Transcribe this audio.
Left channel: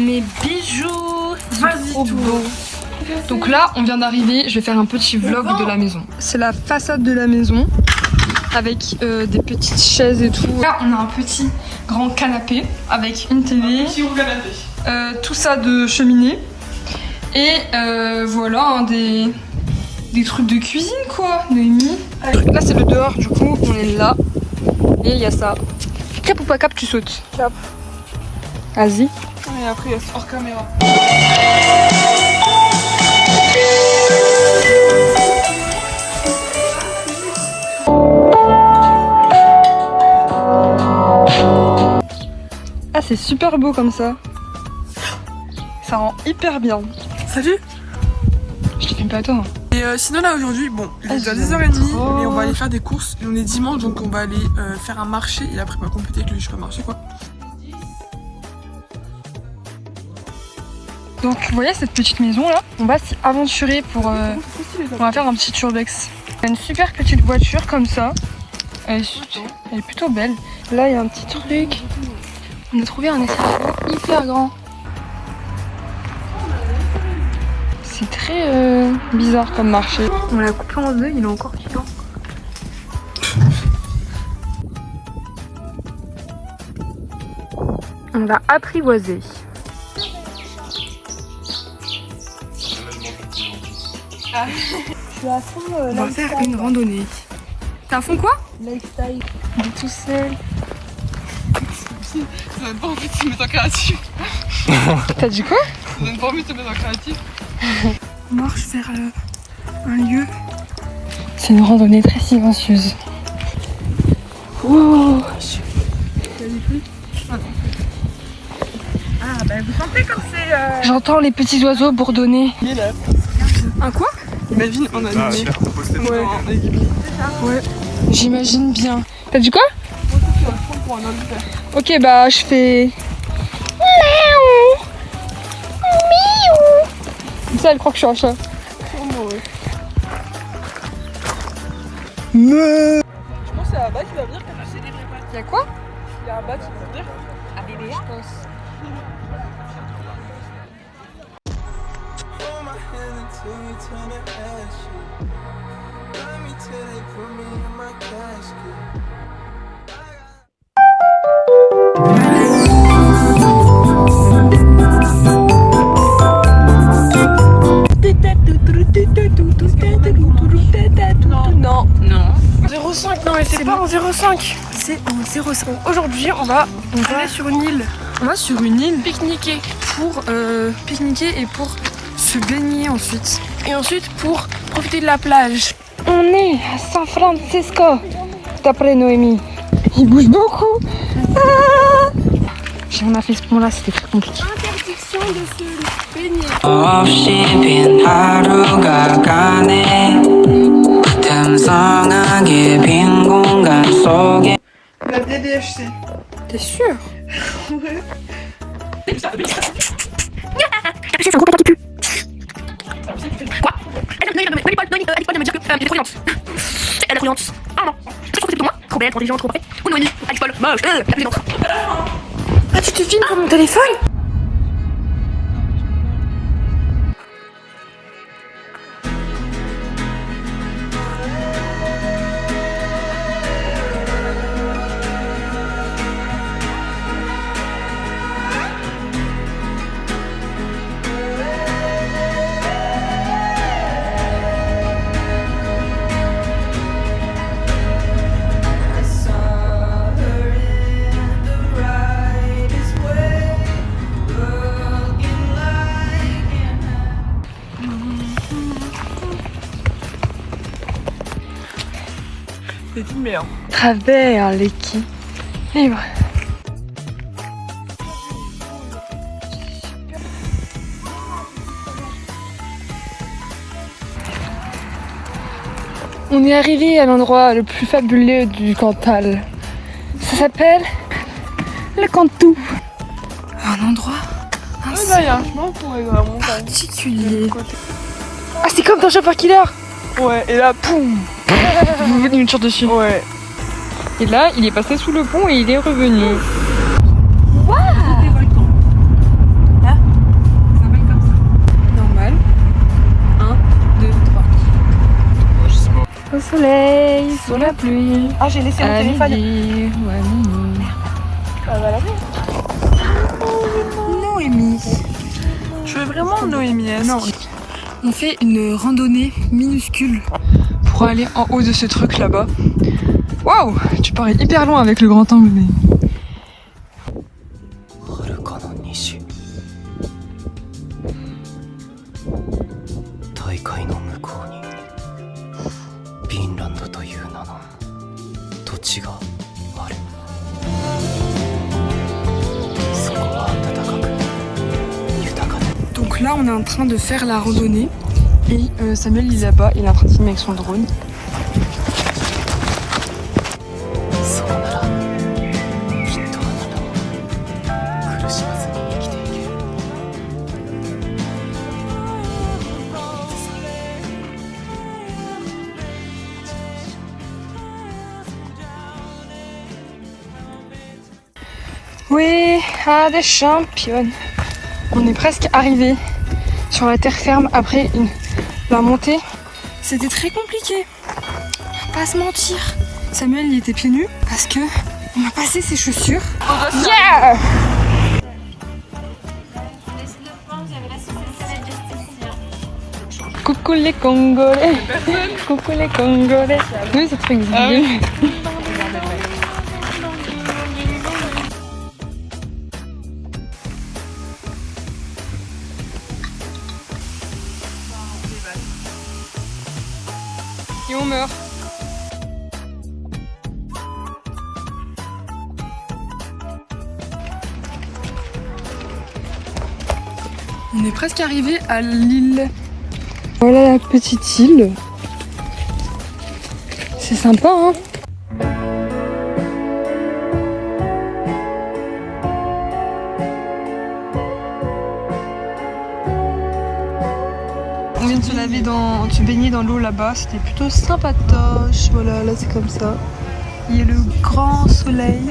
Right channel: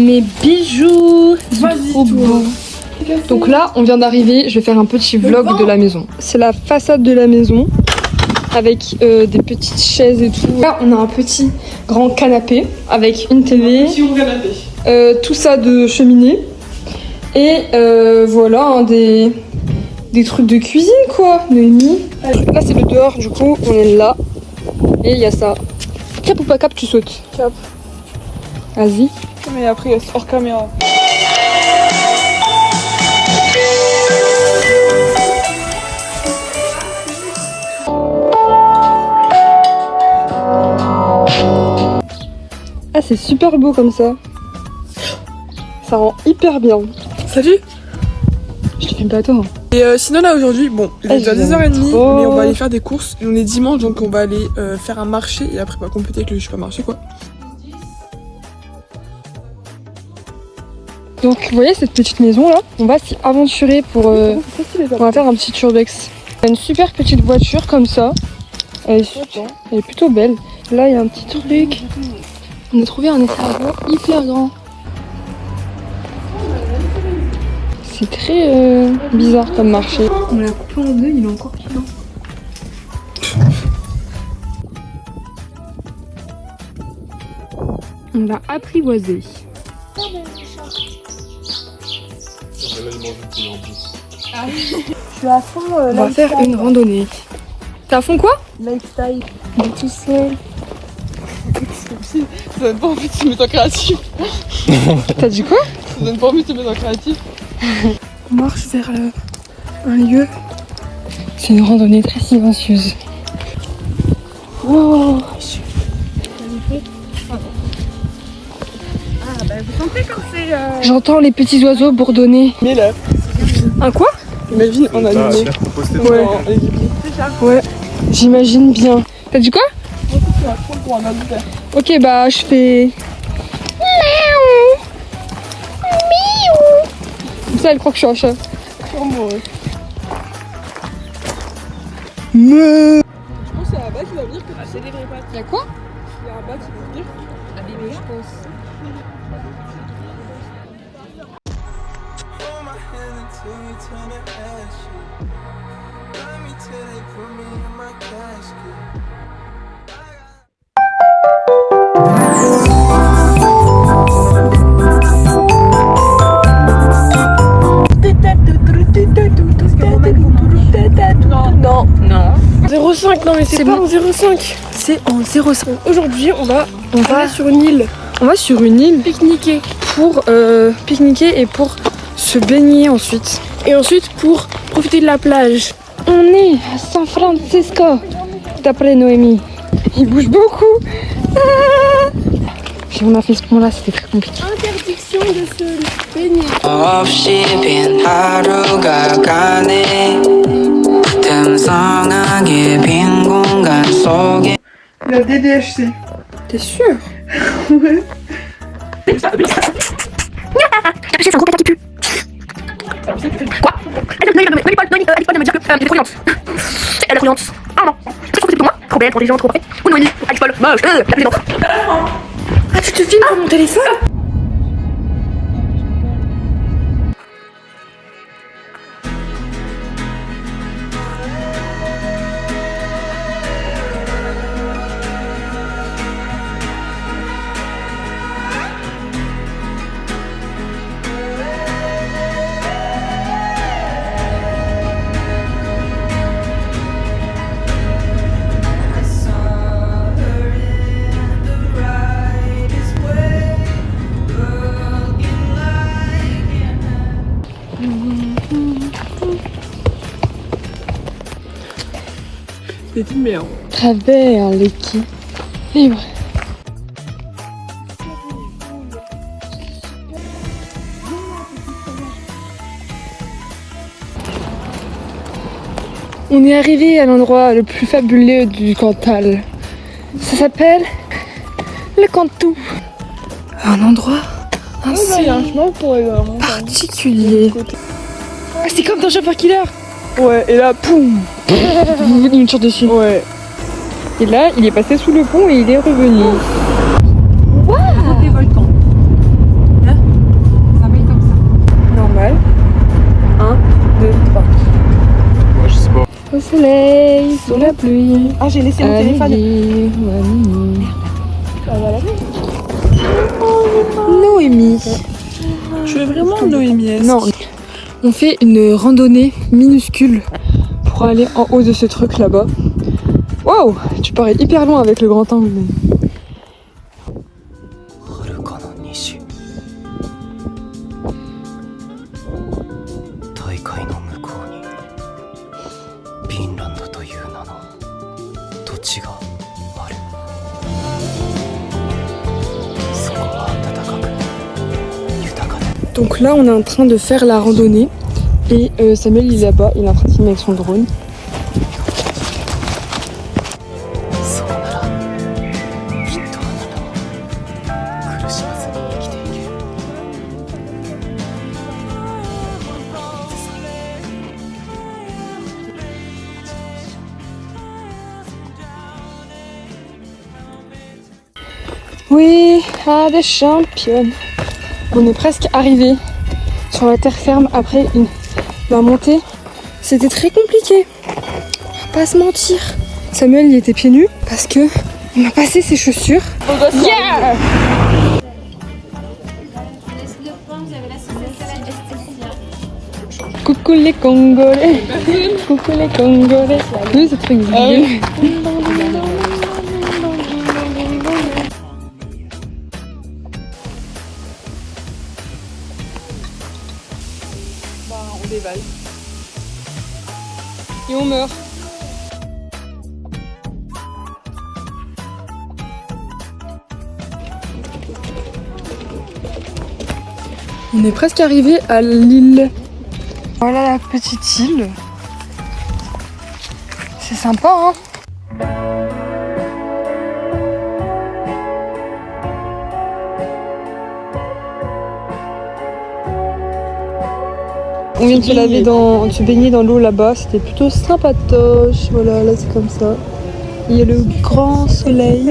Mes bijoux, c'est trop beau. Donc là, on vient d'arriver. Je vais faire un petit vlog de la maison. C'est la façade de la maison avec des petites chaises et tout. Là, on a un petit grand canapé avec une télé. Tout ça de cheminée. Et voilà, hein, des trucs de cuisine quoi, Noémie. Là, c'est le dehors, du coup, on est là. Et il y a ça. Cap ou pas cap, tu sautes? Cap. Vas-y. Et après, il y a hors caméra. Ah, c'est super beau comme ça. Ça rend hyper bien. Salut. Je te filme pas toi. Et sinon là aujourd'hui, bon, il est déjà 10h30, mais on va aller faire des courses. On est dimanche, donc on va aller faire un marché et après on va compléter avec le supermarché quoi. Donc vous voyez cette petite maison là, on va s'y aventurer pour on va faire un petit urbex. Il y a une super petite voiture comme ça. Elle est plutôt belle. Là il y a un petit truc. On a trouvé un escargot hyper grand. C'est très bizarre comme marché. On l'a coupé en deux, il est encore piquant. On l'a apprivoisé. On va faire une randonnée. T'es à fond quoi? Lifestyle. On est tout seul. Ça donne pas envie de se mettre en créatif. T'as dit quoi? Ça donne pas envie de se mettre en créatif. On marche vers un lieu. C'est une randonnée très silencieuse. Wow. Vous sentez comme c'est... J'entends les petits oiseaux bourdonner. Mais là, Un quoi? imagine en animé. Ouais. Ouais, j'imagine bien. T'as dit quoi? Moi aussi tu vas prendre pour un mammifère. Ok, bah je fais... Comme ça, elle croit que je suis un chat. Je pense que c'est là-bas qui va venir que tu sais des vrais pattes. Y'a quoi? Là-bas qui va venir. Un bébé, je pense. Non. Non. 0,5, non mais c'est pas en 0,5. C'est en 0,5. Aujourd'hui on va sur une île. On va sur une île pique-niquer. pour pique-niquer et pour se baigner ensuite. Et ensuite pour profiter de la plage. On est à San Francisco, d'après Noémie. Il bouge beaucoup. Ah, j'ai ma fait ce point-là, c'était très compliqué. Interdiction de se baigner. La DDHC. T'es sûr? Ouais. C'est un gros pétard qui pue. Quoi? Elle est folle de me dire que elle est croyante. Elle est croyante. Ah non. C'est trop moi. Trop belle, trop intelligente, trop parfaite. Ou Noémie. Alex Paul. Moche. La présidente. Ah, tu te filmes sur mon téléphone? C'est une merde. Travers l'équipe libre. On est arrivé à l'endroit le plus fabuleux du Cantal. Ça s'appelle le Cantou. Un endroit Il y a un chemin pour aller dans la montagne. particulier. Ah, c'est comme dans Chauffeur Killer. Ouais, et là, poum. Il me tire dessus. Ouais. Et là, il est passé sous le pont et il est revenu. Des volcans. Là, Au soleil, sous la pluie. Ah, j'ai laissé mon À téléphone. midi ou à minuit. Ah, voilà. Noémie. Je veux vraiment Noémie. Non. On fait une randonnée minuscule pour aller en haut de ce truc là-bas. Wow, tu parais hyper loin avec le grand angle. Mais... 遥かな西大海の向こうにフィンランドという名の土地がある。そこは暖かく豊かで Donc là, on est en train de faire la randonnée. Et Samuel, il est là-bas, il est en train de filmer avec son drone. そうならきっとあなたも苦しまずに生きていける。 Oui, ah, des championnes. On est presque arrivé sur la terre ferme après la montée. C'était très compliqué. On va pas se mentir. Samuel, il était pieds nus parce que on a passé ses chaussures. Yeah! Coucou les Congolais. Coucou les Congolais. Oui, ça fait une oui. Et on meurt. On est presque arrivé à l'île. Voilà la petite île. C'est sympa, hein? On vient de se laver de se baigner dans l'eau là-bas, c'était plutôt sympatoche. Voilà, là c'est comme ça. Il y a le grand soleil.